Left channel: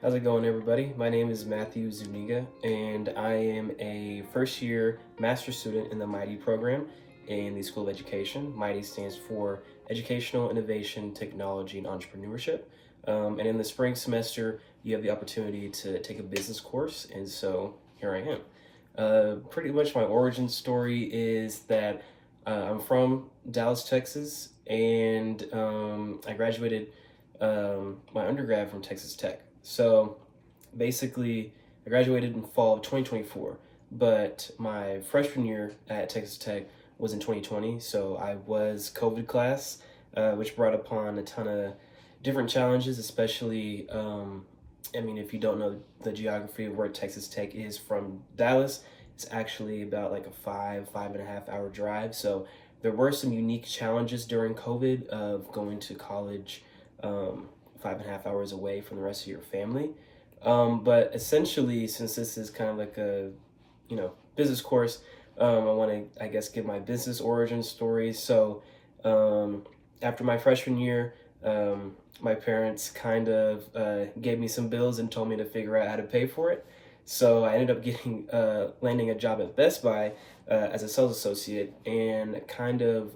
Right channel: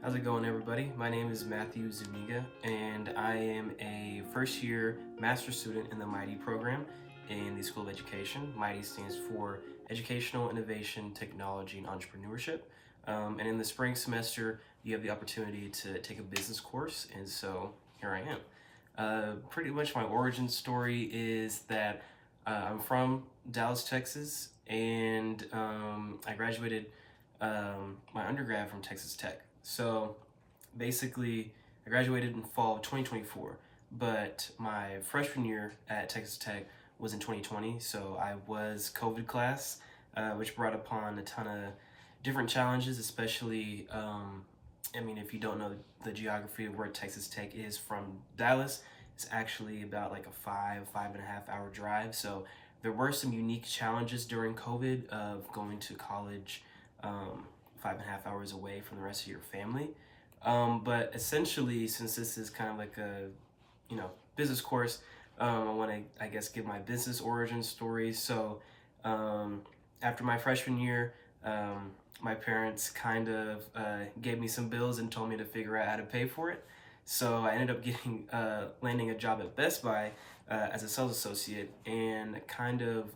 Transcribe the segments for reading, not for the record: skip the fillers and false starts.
How's it going, everybody? My name is Matthew Zuniga, and I am a first year master's student in the MIghty program in the School of Education. MIghty stands for Educational Innovation, Technology, and Entrepreneurship. And in the spring semester, you have the opportunity to take a business course, and so here I am. Pretty much my origin story is that I'm from Dallas, Texas, and I graduated my undergrad from Texas Tech. So basically, I graduated in fall of 2024, but my freshman year at Texas Tech was in 2020. So I was COVID class, which brought upon a ton of different challenges, especially. I mean, if you don't know the geography of where Texas Tech is from Dallas, it's actually about like a 5.5 hour drive. So there were some unique challenges during COVID of going to college 5.5 hours away from the rest of your family. But essentially, since this is kind of like a, business course, I want to, I guess, give my business origin story. So, after my freshman year, my parents kind of gave me some bills and told me to figure out how to pay for it. So I ended up getting landing a job at Best Buy as a sales associate, and kind of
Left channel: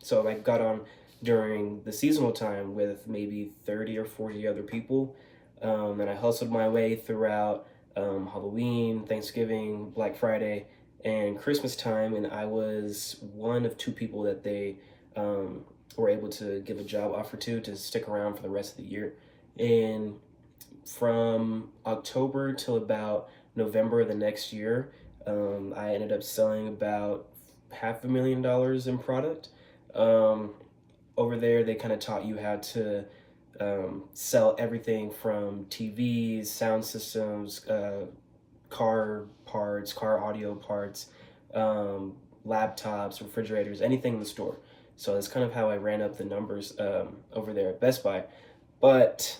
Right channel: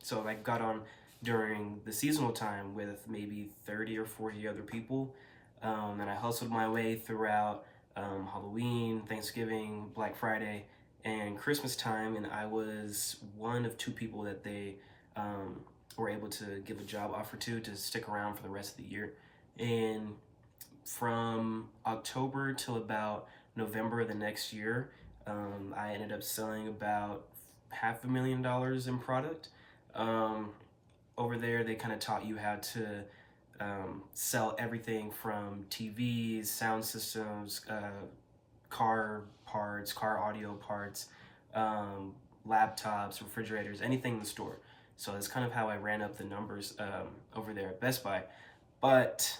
so I got on during the seasonal time with maybe 30 or 40 other people. And I hustled my way throughout Halloween, Thanksgiving, Black Friday, and Christmas time. And I was one of two people that they were able to give a job offer to stick around for the rest of the year. And from October till about November of the next year, I ended up selling about $500,000 in product. Over there, they kind of taught you how to sell everything from TVs, sound systems, car parts, car audio parts, laptops, refrigerators, anything in the store. So that's kind of how I ran up the numbers over there at Best Buy. But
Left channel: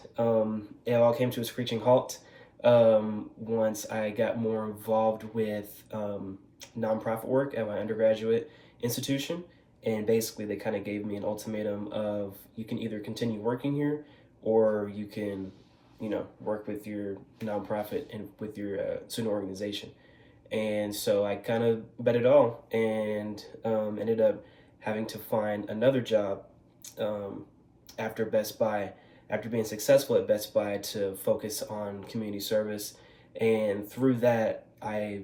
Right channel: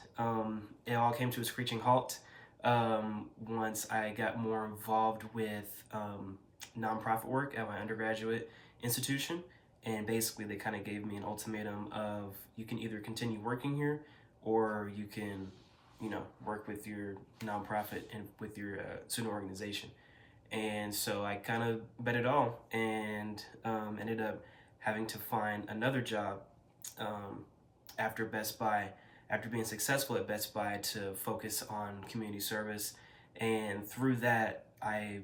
it all came to a screeching halt once I got more involved with nonprofit work at my undergraduate institution. And basically, they kind of gave me an ultimatum of you can either continue working here or you can, work with your nonprofit and with your student organization. And so I kind of bet it all and ended up having to find another job um, after Best Buy, after being successful at Best Buy, to focus on community service. And through that, I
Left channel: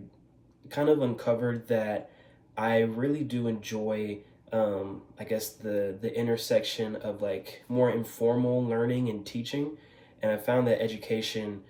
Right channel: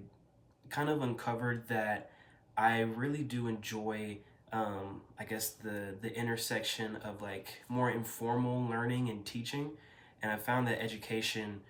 kind of uncovered that I really do enjoy, I guess, the intersection of like more informal learning and teaching. And I found that education,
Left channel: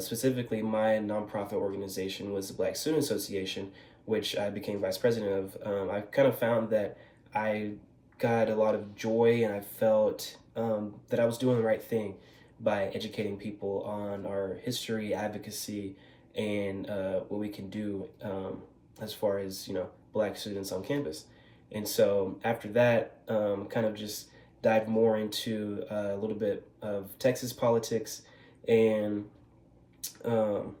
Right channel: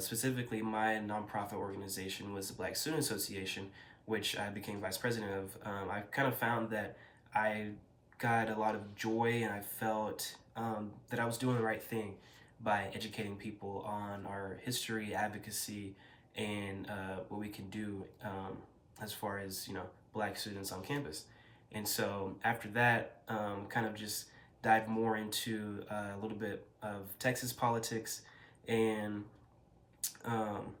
specifically my nonprofit organization, was the Black Student Association, which I became vice president of. I kind of found that I got a lot of joy, and I felt that I was doing the right thing by educating people on our history, advocacy, and what we can do as far as Black students on campus. And so after that, kind of just dive more into a little bit of Texas politics, and um,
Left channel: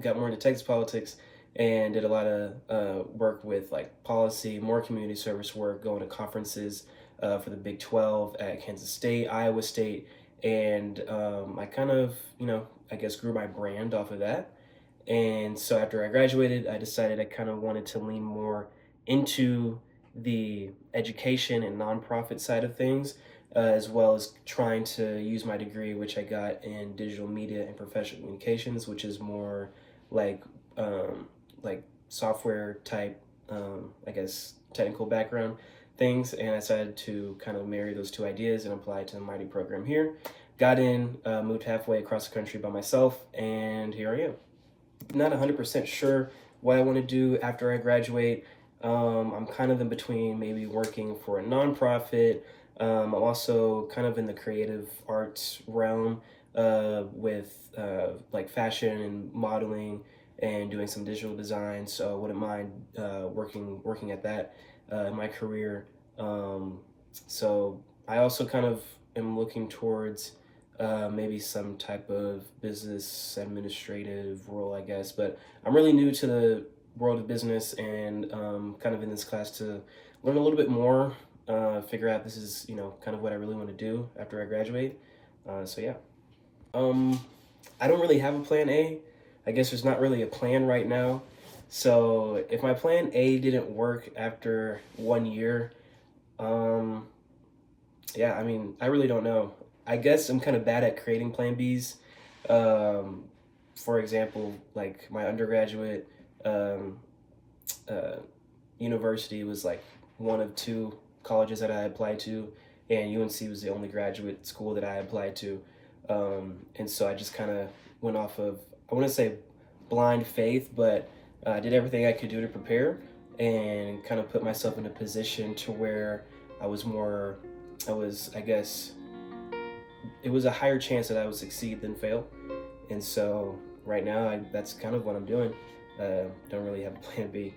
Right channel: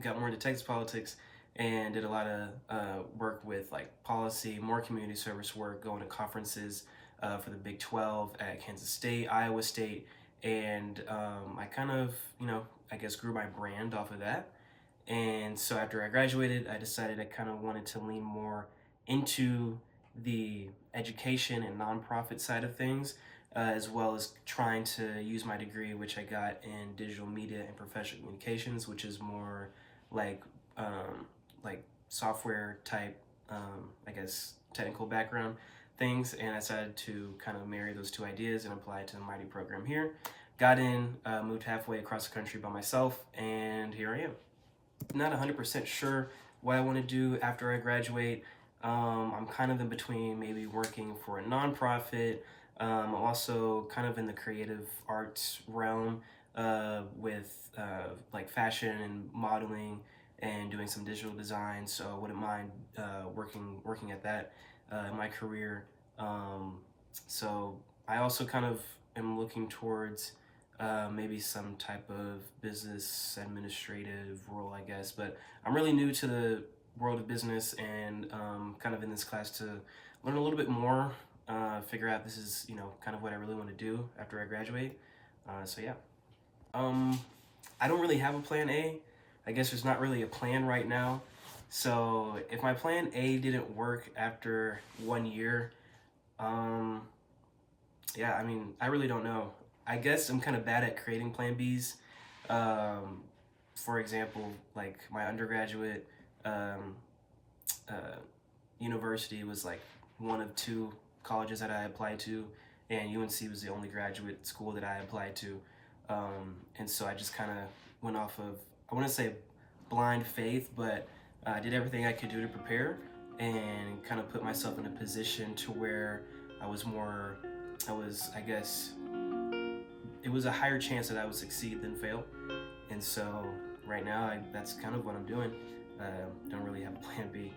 got more into Texas politics and did a lot of work with like policy, more community service work, going to conferences for the Big 12 at Kansas State, Iowa State, and I kind of, I guess grew my brand off of that. And so after I graduated, I decided I kind of wanted to lean more into the education and nonprofit side of things, as well as trying to use my degree, which I got in digital media and professional communications, which is more like like software type, I guess, technical background things. And I decided to kind of marry those two ideas and apply to the MIghty program here. Got in, moved halfway across the country by myself, and here I am. Not 100% sure what I want to do after I graduate. I'm kind of in between maybe working for a nonprofit. I'm also kind of in the creative arts realm with like fashion and modeling and doing some digital design. So I wouldn't mind working at that in my career. So I also kind of am looking towards maybe some type of business administrative role, I guess. But I'm really new to the world of business, and kind of in this class to learn a little bit more, figure out this is kind of what I really want to do after I graduate. So yeah. I don't really have a plan A. I guess there's not really a plan right now. So if my plan A didn't work after 1 year, um, yeah, I mean, I really don't know. I guess I'm kind of bad at creating plan Bs. Um, for example, like my undergraduate um, uh, university was like one of two colleges that I applied to, and UNC was the only graduate school that I applied to. And so I just kind of went off of, I wouldn't say blind faith, but I did everything I could do to prepare and kind of put myself in a position to where I was more, I guess, it was a higher chance that I would succeed than fail. And so right now, that's kind of what I'm doing. Don't really have a plan B.